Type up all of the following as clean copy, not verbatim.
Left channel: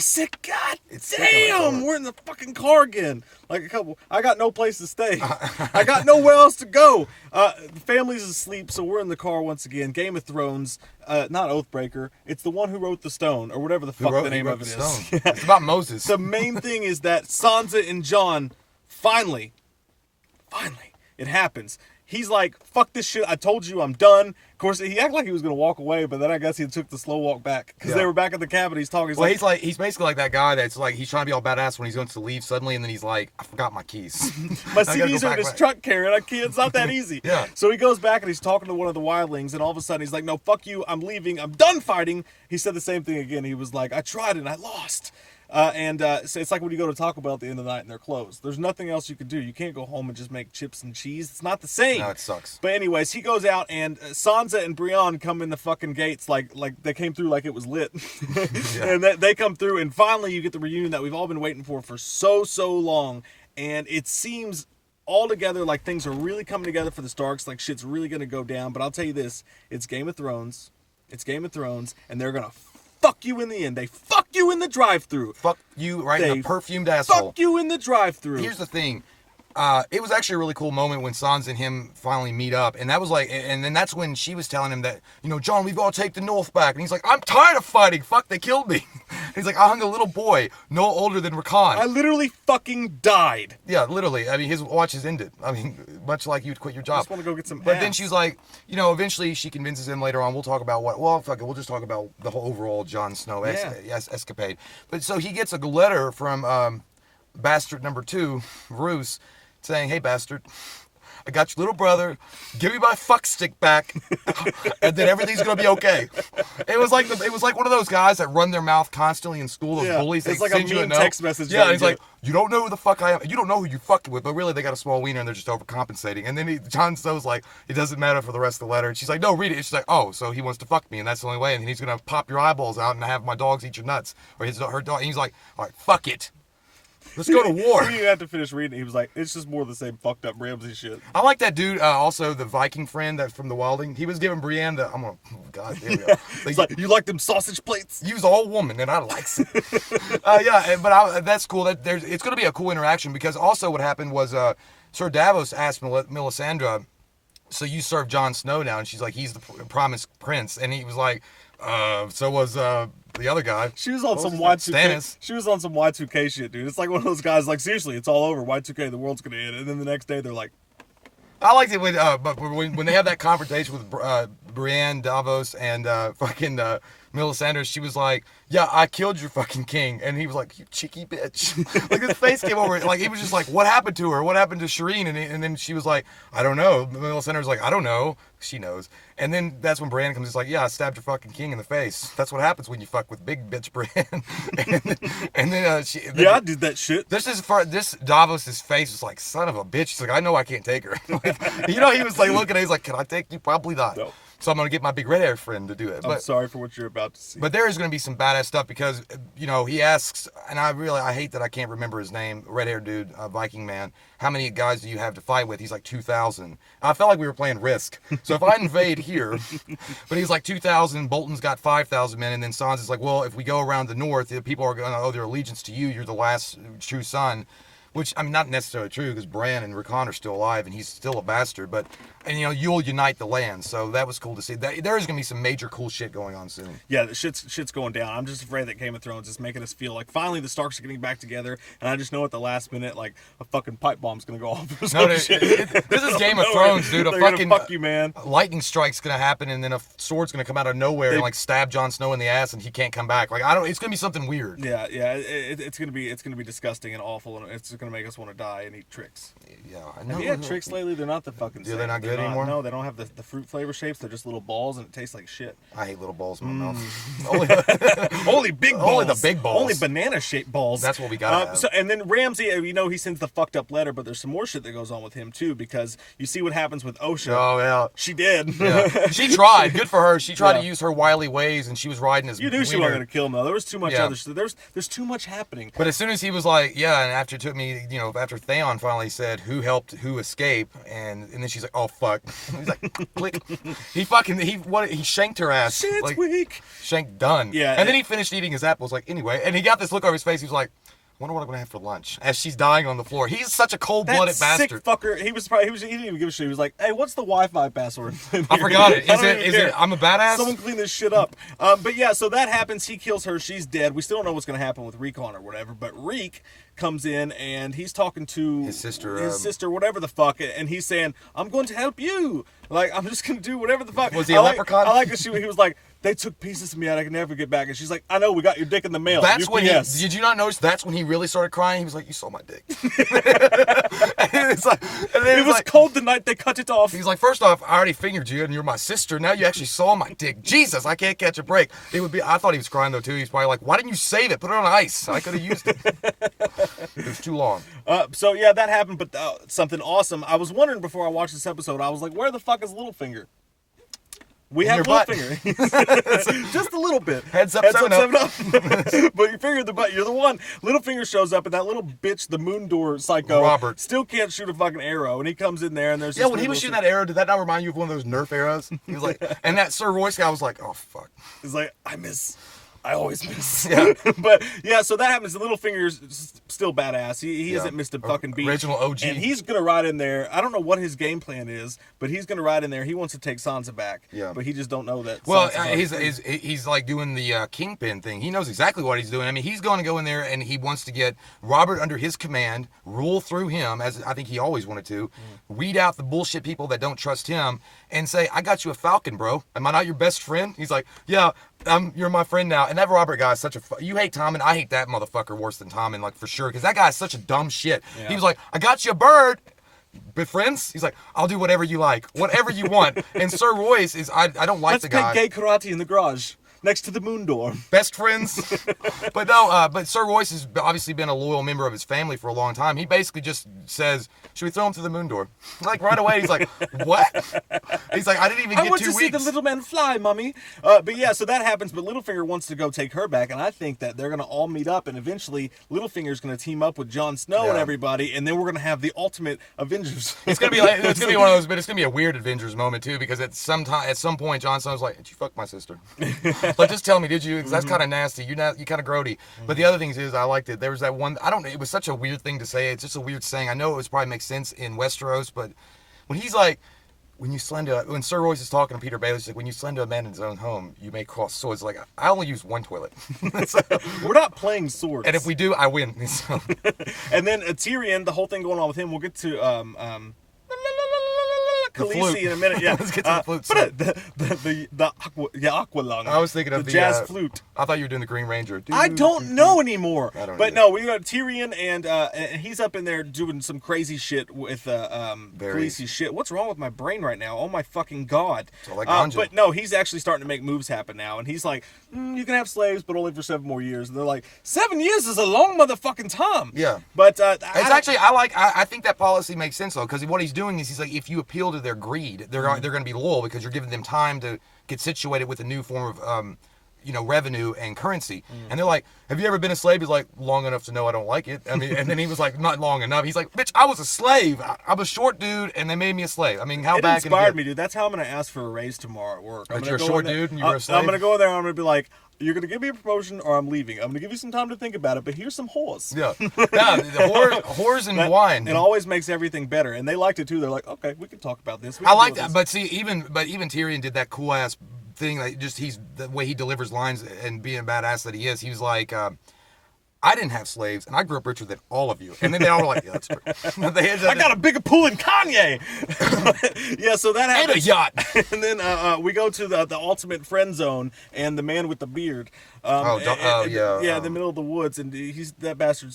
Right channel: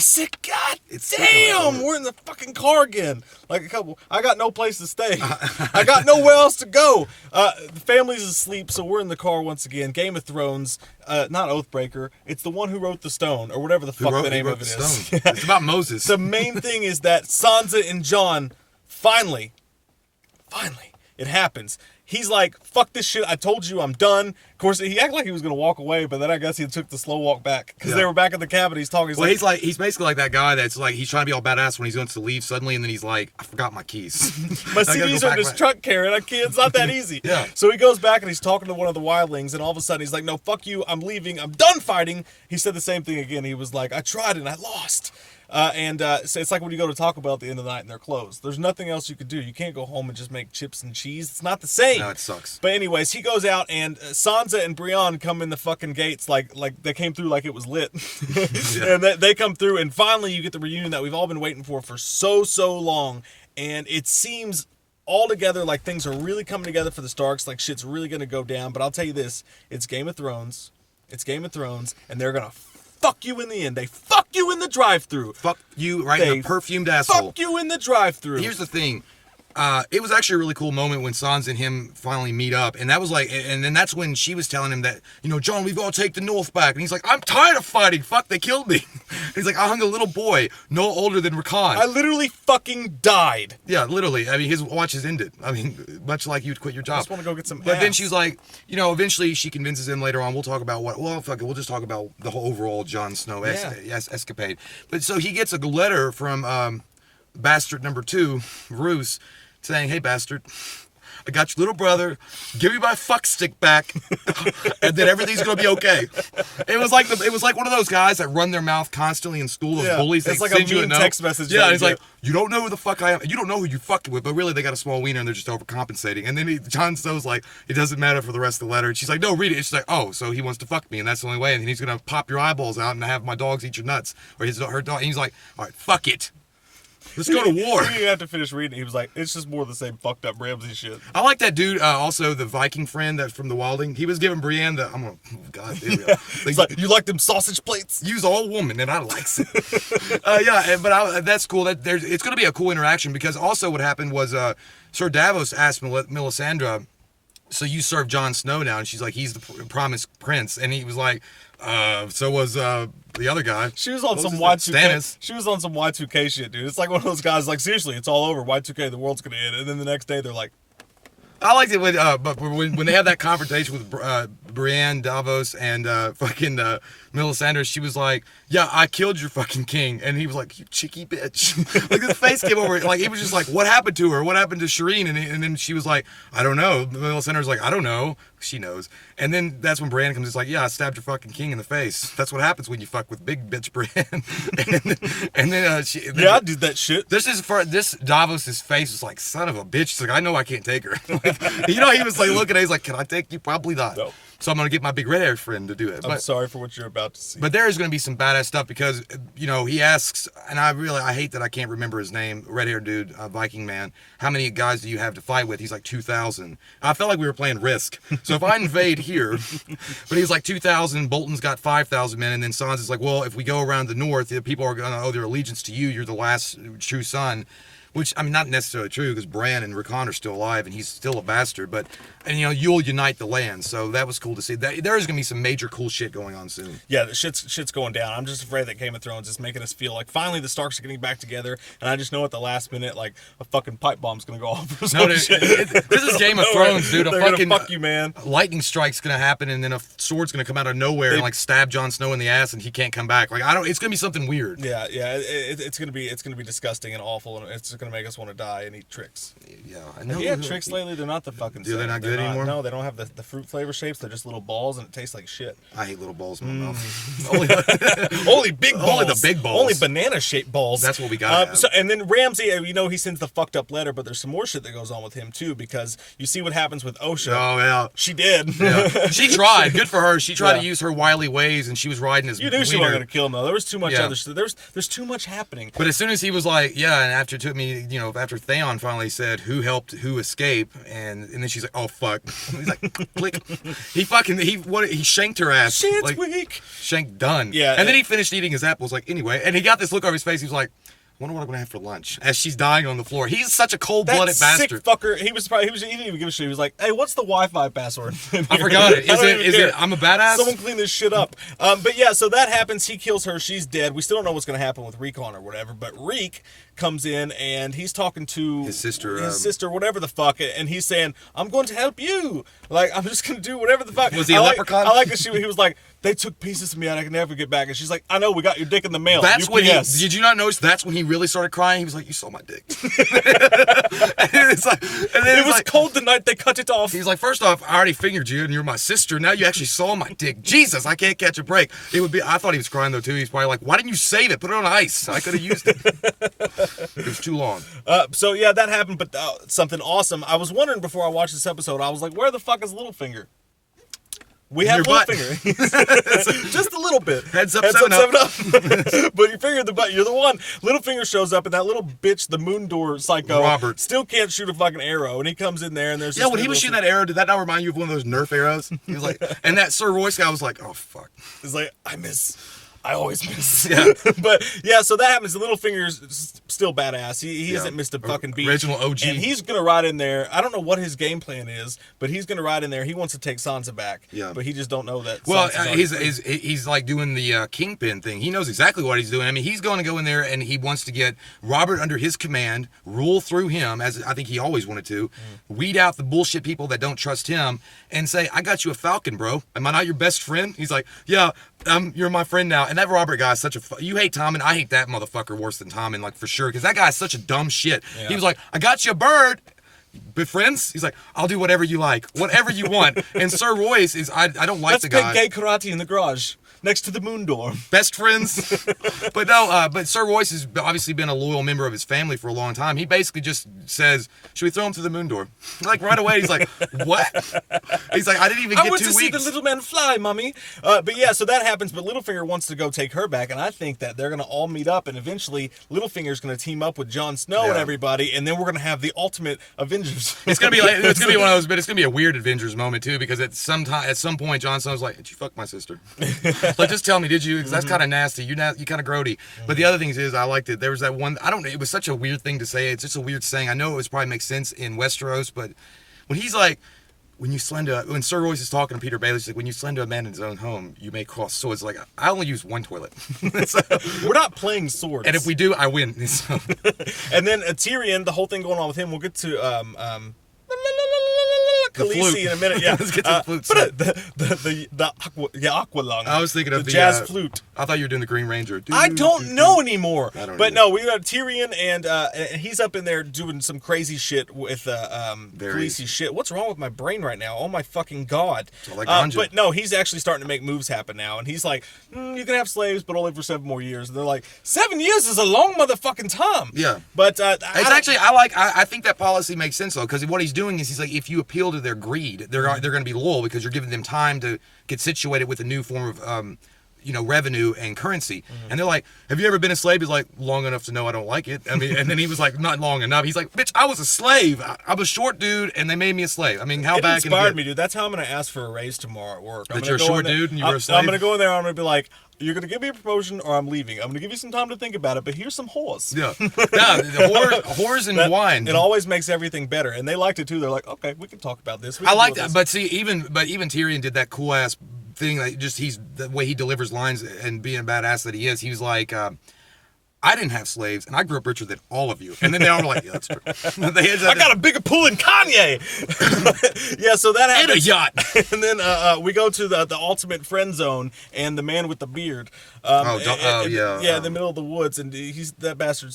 said, God damn, we're in the fucking car again. Like I got no place to stay. I got nowhere else to go. The family's asleep, so we're in the car once again. Game of Thrones, not Oathbreaker. It's the one who wrote the stone, or whatever the fuck the name of it is. It's about Moses. The main thing is that Sansa and Jon, finally, it happens. He's like, fuck this shit, I told you, I'm done. Of course, he acted like he was going to walk away, but then I guess he took the slow walk back. Because they were back in the cabin, he's talking. He's basically like that guy that's like, he's trying to be all badass when he's going to leave suddenly, and then he's like, I forgot my keys. My CDs are in his truck, Karen. It's not that easy. Yeah. So he goes back and he's talking to one of the wildlings, and all of a sudden he's like, no, fuck you, I'm leaving, I'm done fighting. He said the same thing again. He was like, I tried and I lost. So it's like when you go to Taco Bell at the end of the night and they're closed. There's nothing else you could do. You can't go home and just make chips and cheese. It's not the same. No, it sucks. But anyways, he goes out and Sansa and Brienne come in the fucking gates like they came through like it was lit. And they come through, and finally you get the reunion that we've all been waiting for so long. And it seems all together like things are really coming together for the Starks. Like shit's really going to go down. But I'll tell you this, it's Game of Thrones. And they're going to fuck you in the end. They fuck you in the drive-thru. Fuck you right in the perfumed asshole. Fuck you in the drive-thru. Here's the thing. It was actually a really cool moment when Sansa and him finally meet up. And that was like, and then that's when she was telling him that, Jon, we've got to take the North back. And he's like, I'm tired of fighting. Fuck, they killed me. He's like, I hung a little boy, no older than Rakan. I literally fucking died. Yeah, literally. I mean, his watch is ended. I mean, much like you'd quit your job. I just want to go get some But ass. then she's like, eventually she convinces him later on, we'll talk about fuck it, we'll just talk about the whole overall Jon Snow escapade. But so he gets a letter from bastard number 2, Roose, saying, hey, bastard, I got your little brother. Give me my fuck stick back, and then everything's gonna be okay. It was like one of those guys that run their mouth constantly in school. Those bullies. It's They like send a you mean note. text message. Yeah, he's like, you don't know who the fuck I am. You don't know who you're fucking with, but really they got a small wiener and they're just overcompensating. And then Jon Snow's like, it doesn't matter for the rest of the letter. And she's like, no, read it. And she's like, oh, so he wants to fuck me, and that's the only way. And he's gonna pop your eyeballs out and have my dogs eat your nuts, or her dog. And he's like, all right, fuck it. Let's go to war. He didn't have to finish reading it. He was like, it's just more of the same fucked up Ramsay shit. I like that dude, also the Viking friend that from the Wilding. He was giving Brienne God, there we go. It's like, you like them sausage plates? Use all woman, and I likes it. That's cool. It's going to be a cool interaction, because also what happened was Sir Davos asked Melisandre, so you serve Jon Snow now? And she's like, he's the promised prince. And he was like, so was the other guy. She was on some Y2K. She was on some Y2K shit, dude. It's like one of those guys, like, seriously, it's all over. Y2K, the world's gonna end. And then the next day, they're like, I liked it when they had that confrontation with Brienne, Davos, and fucking Melisandre. She was like, yeah, I killed your fucking king. And he was like, you cheeky bitch. Like, his face came over. Like, he was just like, what happened to her? What happened to Shireen? And then she was like, I don't know. Melisandre's like, I don't know. She knows. And then that's when Brienne comes. It's like, yeah, I stabbed your fucking king in the face. That's what happens when you fuck with big bitch Brienne. and then I did that shit. This Davos's face was like, son of a bitch. He's like, I know I can't take her. Like, he was like looking at it, he's like, can I take you? Probably not. No. So I'm going to get my big red-haired friend to do it. I'm sorry for what you're about to see. But there is going to be some badass stuff because, he asks, and I hate that I can't remember his name, red-haired dude, Viking man, how many guys do you have to fight with? He's like 2,000. I felt like we were playing Risk. So if I invade here, but he's like 2,000, Bolton's got 5,000 men, and then Sansa's like, well, if we go around the north, the people are going to owe their allegiance to you. You're the last true son. Which, I mean, not necessarily true, because Bran and Rakan are still alive, and he's still a bastard, but, you'll unite the land, so that was cool to see. There is going to be some major cool shit going on soon. Yeah, the shit's going down. I'm just afraid that Game of Thrones is making us feel like finally the Starks are getting back together, and I just know at the last minute, like, a fucking pipe bomb's going to go off or some shit. This is Game of Thrones, dude. They're gonna fuck you, man. Lightning strike's going to happen, and then a sword's going to come out of nowhere and, like, stab Jon Snow in the ass, and he can't come back. Like, it's going to be something weird. Yeah, it's going to be disgusting and awful, and it's going to make us want to die and eat tricks. Yeah, I Have know. you had tricks lately? They're not the fucking same. They're not good anymore? No, they don't have the fruit flavor shapes. They're just little balls, and it tastes like shit. I hate little balls in my mouth. Only big balls. Only the big balls. Only banana-shaped balls. That's what we got. And then Ramsay, he sends the fucked up letter, but there's some more shit that goes on with him, too, because you see what happens with Osha. Oh, yeah. She did. Yeah. She tried. Good for her. She tried to use her wily ways, and she was riding his You knew she wasn't going to kill him, though. There was too much other shit. There's too much happening. But as soon as he was like, yeah, and after it took me finally, after Theon finally said who helped who escape, and then she's like, oh fuck. He's like, click. He shanked her ass. Shit's like, weak. Shank done. Yeah. And then he finished eating his apples. Like, anyway, and he got this look on his face. He was like, I wonder what I'm gonna have for lunch as she's dying on the floor. He's such a cold-blooded bastard. Sick fucker. He didn't even give a shit. He was like, "Hey, what's the Wi-Fi password?" I forgot it. Is it? I'm a badass. Someone clean this shit up. But yeah, so that happens. He kills her. She's dead. We still don't know what's gonna happen with Recon or whatever. But Reek comes in and he's talking to his sister, whatever the fuck, and he's saying, "I'm going to help you. Like, I'm just gonna do whatever the fuck." Was he a leprechaun? I like that he was like, "They took pieces of me and I can never get back." And she's like, "I know, we got your dick in the mail." That's UPS. when did you not notice that's when he really started crying? He was like, you saw my dick. It was cold the night they cut it off. He's like, first off, I already fingered you and you're my sister. Now you actually saw my dick. Jesus, I can't catch a break. I thought he was crying though too. He's probably like, why didn't you save it? Put it on ice. I could have used it. It was too long. So yeah, that happened, but something awesome. I was wondering before I watched this episode, I was like, where the fuck is Littlefinger? We have Littlefinger. Just a little bit. Heads up, 7 up. But you figured the butt. You're the one. Littlefinger shows up, and that little bitch, the moon door psycho, Robert, still can't shoot a fucking arrow. And he comes in there, and there's when he was shooting that arrow, did that not remind you of one of those Nerf arrows? He was like, and that Sir Royce guy was like, oh fuck. He's like, I always miss. Yeah. But yeah, so that happens. Littlefinger's still badass. He hasn't missed a fucking beat. Original OG. And he's gonna ride in there. I don't know what his game plan is, but he's gonna ride in there. He wants to take Sansa back. Yeah. But he just don't know that. Well, he's like doing the kingpin thing. He knows exactly what he's doing. I mean, he's going to go in there and he wants to get Robert under his command, rule through him, as I think he always wanted to, weed out the bullshit people that don't trust him, and say, I got you a falcon, bro. Am I not your best friend? He's like, yeah, you're my friend now. And that Robert guy is such a... You hate Tommen. I hate that motherfucker worse than Tommen, like, for sure. Because that guy is such a dumb shit. Yeah. He was like, I got you a bird. But friends? He's like, I'll do whatever you like. Whatever you want. And Sir Royce is... I don't like the guy. Let's play gay karate in the garage. Next to the moon door. Best friends. But no, but Sir Royce has obviously been a loyal member of his family for a long time. He basically just says, should we throw him through the moon door? Like right away, he's like, what? He's like, I didn't even get 2 weeks. I want to see the little man fly, mommy. But yeah, so that happens, but Littlefinger wants to go take her back, and I think that they're going to all meet up, and eventually Littlefinger's going to team up with Jon Snow and everybody, and then we're going to have the ultimate Avengers. It's going to be like, it's going to be one of those, but it's going to be a weird Avengers moment too, because at some point, Jon Snow's like, did you fuck my sister? Like, just tell me, did you? Because that's kind of nasty. You kind of grody. But the other thing is, I liked it. There was that one. I don't know. It was such a weird thing to say. It's just a weird saying. I know it was probably makes sense in Westeros, but when he's like, when Sir Royce is talking to Peter Baelish, like, when you slender a man in his own home, you may cross swords. Like, I only use one toilet. So, we're not playing swords. And if we do, I win. So. And then Tyrion, the whole thing going on with him. We'll get to Khaleesi in a minute. Yeah, let's get to the flute. The aqualung. I was thinking of the jazz flute. I thought you were doing the Green Ranger. I don't know anymore. I don't but either. No, we got Tyrion and he's up in there doing some crazy shit with Khaleesi shit. What's wrong with my brain right now? Oh my fucking god! But no, he's actually starting to make moves happen now, and he's like, you can have slaves, but only for 7 more years. And they're like, 7 years is a long motherfucking time. Yeah, but I think that policy makes sense though, because what he's doing is he's like, if you appeal to their greed, they're going to be loyal because you're giving them time to get situated with a new form of revenue and currency. And they're like, have you ever been a slave? He's like, long enough to know I don't like it. I mean, and then he was like, not long enough. He's like, bitch, I was a slave. I'm a short dude, and they made me a slave. I mean, how bad can it inspired me, dude. That's how I'm going to ask for a raise tomorrow at work. That you're a short dude and you were a slave? I'm going to go in there and I'm going to be like, you're going to give me a promotion or I'm leaving. I'm going to give you some time to think about it, but here's some whores. Yeah. Whores and wine. It always makes everything better. And they liked it too. They're like, okay, we can talk about this. I like that. But see, even Tyrion did that cool ass thing. Like, just the way he delivers lines and being a badass that he is. He was like, I didn't have slaves, and I grew up richer than all of you. And then they all were like, yeah, that's true. I got a bigger pool than Kanye. Yeah, so that happens. And a yacht. And then we go to the ultimate friend zone and the man with the beard. In the middle of the woods, and that bastard.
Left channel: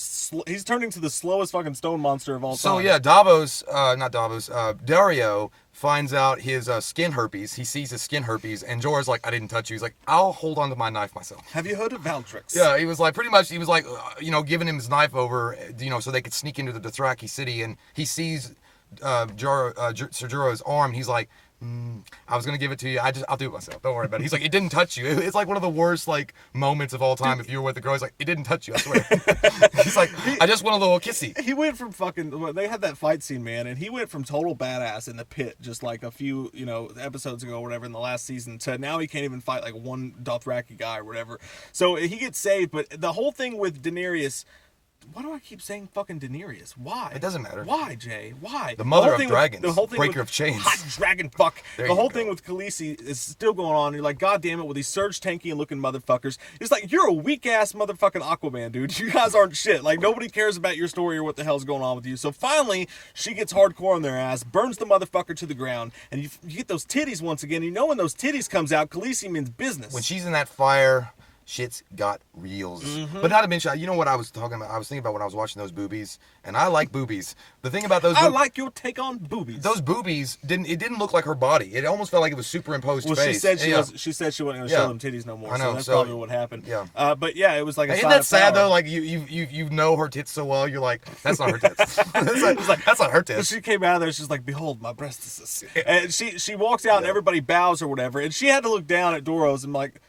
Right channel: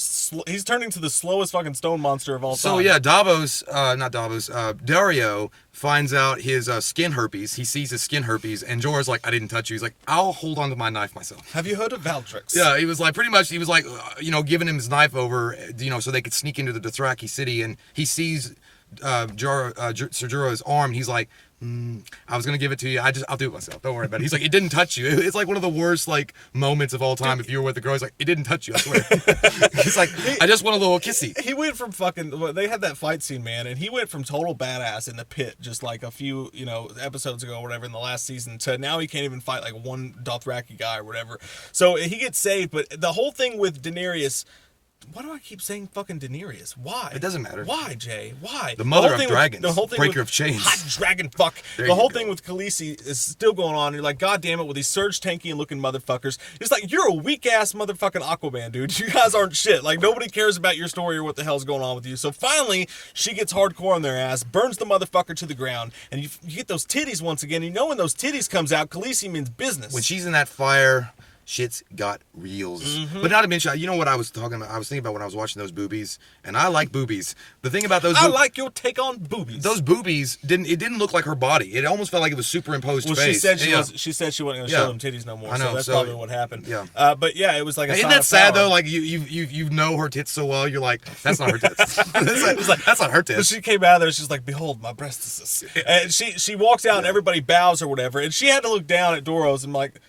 He's turning to the slowest fucking stone monster of all time. So yeah, Dario finds out his skin herpes. He sees his skin herpes, and Jorah's like, I didn't touch you. He's like, I'll hold on to my knife myself. Have you heard of Valtrix? Yeah, he was like, pretty much, he was like, giving him his knife over, so they could sneak into the Dothraki city, and he sees Ser Jorah's arm. He's like, I was gonna give it to you. I'll do it myself. Don't worry about it. He's like, it didn't touch you. It's like one of the worst like moments of all time. If you were with the girl, he's like, it didn't touch you. I swear. He's like, I just want a little kissy. He went from they had that fight scene, man, and he went from total badass in the pit just like a few, episodes ago or whatever in the last season to now he can't even fight like one Dothraki guy or whatever. So he gets saved, but the whole thing with Daenerys. Why do I keep saying fucking Daenerys? Why? It doesn't matter. Why, Jay? Why? The mother of dragons. The whole thing breaker of chains. Hot dragon fuck. The whole thing with Khaleesi is still going on. You're like, God damn it, with these Surge tanky and looking motherfuckers. It's like, you're a weak ass motherfucking Aquaman, dude. You guys aren't shit. Like, nobody cares about your story or what the hell's going on with you. So finally, she gets hardcore on their ass, burns the motherfucker to the ground, and you get those titties once again. You know when those titties comes out, Khaleesi means business. When she's in that fire, shit's got reels. Mm-hmm. But not to mention, you know what I was talking about? I was thinking about when I was watching those boobies, and I like boobies. The thing about those, I like your take on boobies. Those boobies didn't look like her body. It almost felt like it was superimposed face. She said she wasn't going to show them titties no more. I know, so that's probably what happened. Yeah. But yeah, it was like a Isn't sign that of sad power. though? Like you know her tits so well, you're like, that's not her tits. That's not her tits. She came out of there, she's like, behold, my breasts. And she walks out and everybody bows or whatever, and she had to look down at Doros and like,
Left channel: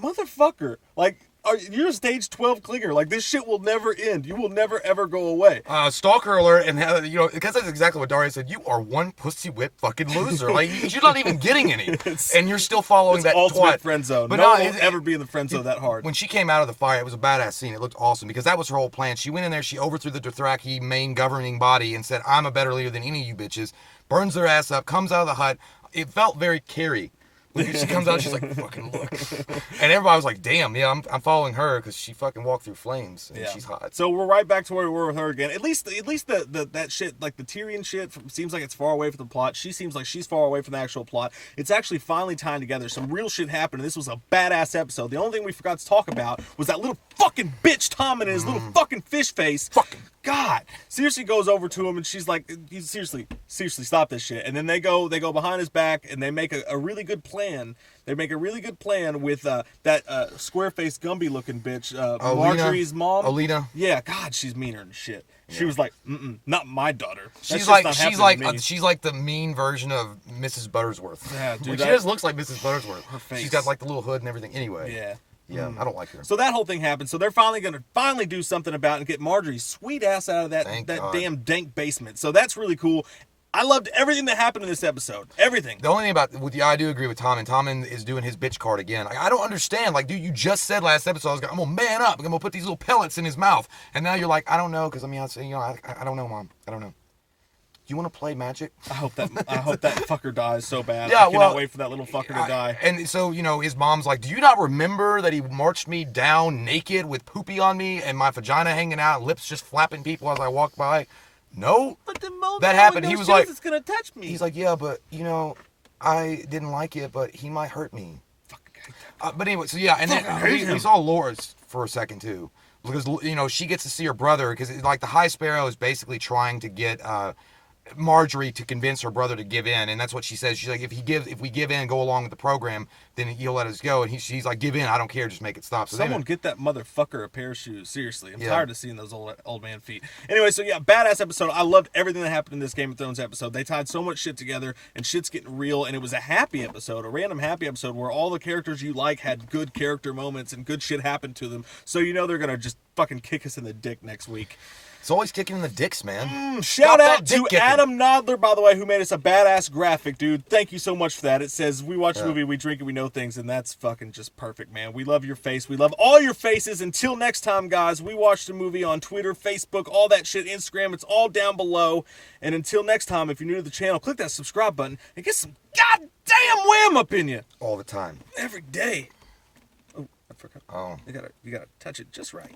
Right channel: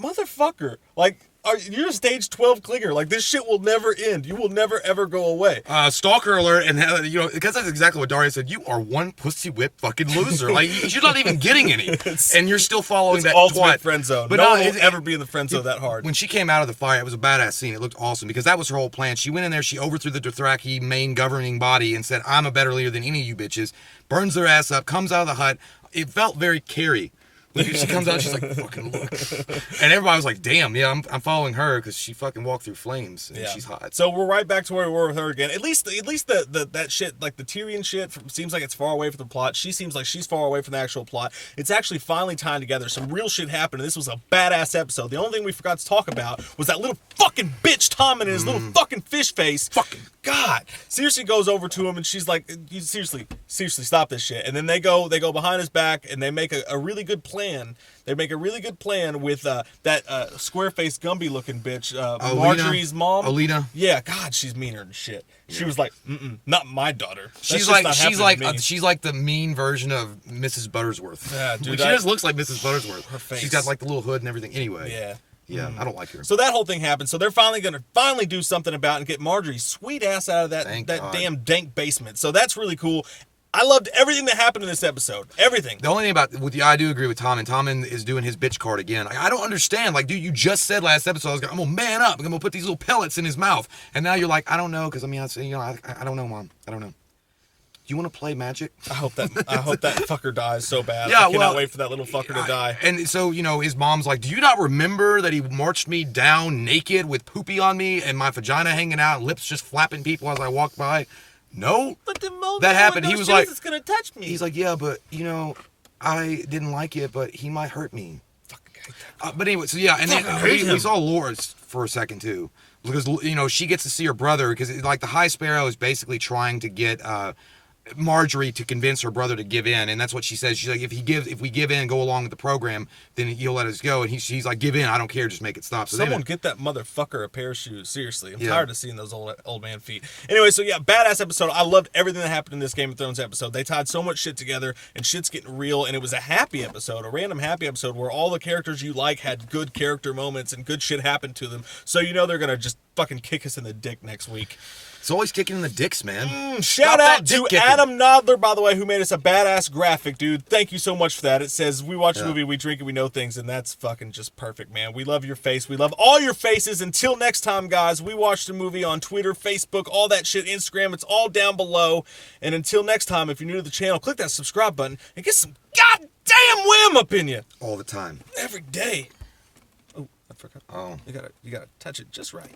motherfucker, like, you're a stage 12 clinger. Like, this shit will never end. You will never, ever go away. Stalker alert, and because that's exactly what Daria said. You are one pussy whip fucking loser. Like, you're not even getting any, and you're still following that ultimate twat. friend zone. But no one will ever be in the friend zone that hard. When she came out of the fire, it was a badass scene. It looked awesome because that was her whole plan. She went in there, she overthrew the Dothraki main governing body and said, I'm a better leader than any of you bitches. Burns their ass up, comes out of the hut. It felt very Carrie. When she comes out, she's like, fucking look. And everybody was like, damn, yeah, I'm following her because she fucking walked through flames and she's hot. So we're right back to where we were with her again. At least that shit, like the Tyrion shit, seems like it's far away from the plot. She seems like she's far away from the actual plot. It's actually finally tying together. Some real shit happened, and this was a badass episode. The only thing we forgot to talk about was that little fucking bitch Tom and his little fucking fish face. Fucking God. Seriously goes over to him and she's like, you seriously stop this shit. And then they go behind his back and they make a really good plan. They make a really good plan with that square-faced Gumby looking bitch, Marjorie's mom. Alina. Yeah, God, she's meaner than shit. She was like, not my daughter. She's like the mean version of Mrs. Buttersworth. Yeah, dude, she just looks like Mrs. Buttersworth. Her face. She's got like the little hood and everything. Anyway. Yeah. Yeah, I don't like her. So that whole thing happened. So they're finally going to do something about it and get Marjorie's sweet ass out of that damn dank basement. So that's really cool. I loved everything that happened in this episode. Everything. The only thing about I do agree with Tom, and Tom is doing his bitch card again. I don't understand. Like, dude, you just said last episode, I'm gonna man up. I'm gonna put these little pellets in his mouth, and now you're like, I don't know, because I don't know, Mom. I don't know. Do you want to play Magic? I hope that fucker dies so bad. Yeah, I cannot wait for that little fucker to die. And so, his mom's like, do you not remember that he marched me down naked with poopy on me and my vagina hanging out, lips just flapping people as I walked by? No. But the moment that happened, he was like, it's gonna touch me. He's like, yeah, but I didn't like it, but he might hurt me. But anyway, so yeah, and then we saw Loras for a second too, because she gets to see her brother, because like the High Sparrow is basically trying to get Marjorie to convince her brother to give in, and that's what she says. She's like, if we give in and go along with the program, then he'll let us go. And she's like, give in, I don't care, just make it stop. So someone get that motherfucker a pair of shoes. Seriously, I'm tired of seeing those old man feet. Anyway, so yeah, badass episode. I loved everything that happened in this Game of Thrones episode. They tied so much shit together, and shit's getting real. And it was a happy episode, a random happy episode where all the characters you like had good character moments and good shit happened to them. So they're gonna just fucking kick us in the dick next week. It's always kicking in the dicks, man. Shout out to Adam Nodler, by the way, who made us a badass graphic, dude. Thank you so much for that. It says, we watch a movie, we drink it, we know things, and that's fucking just perfect, man. We love your face. We love all your faces. Until next time, guys, we watched a movie on Twitter, Facebook, all that shit, Instagram. It's all down below. And until next time, if you're new to the channel, click that subscribe button and get some goddamn wham up in you. All the time. Every day. Oh, I forgot. Oh. You gotta touch it just right.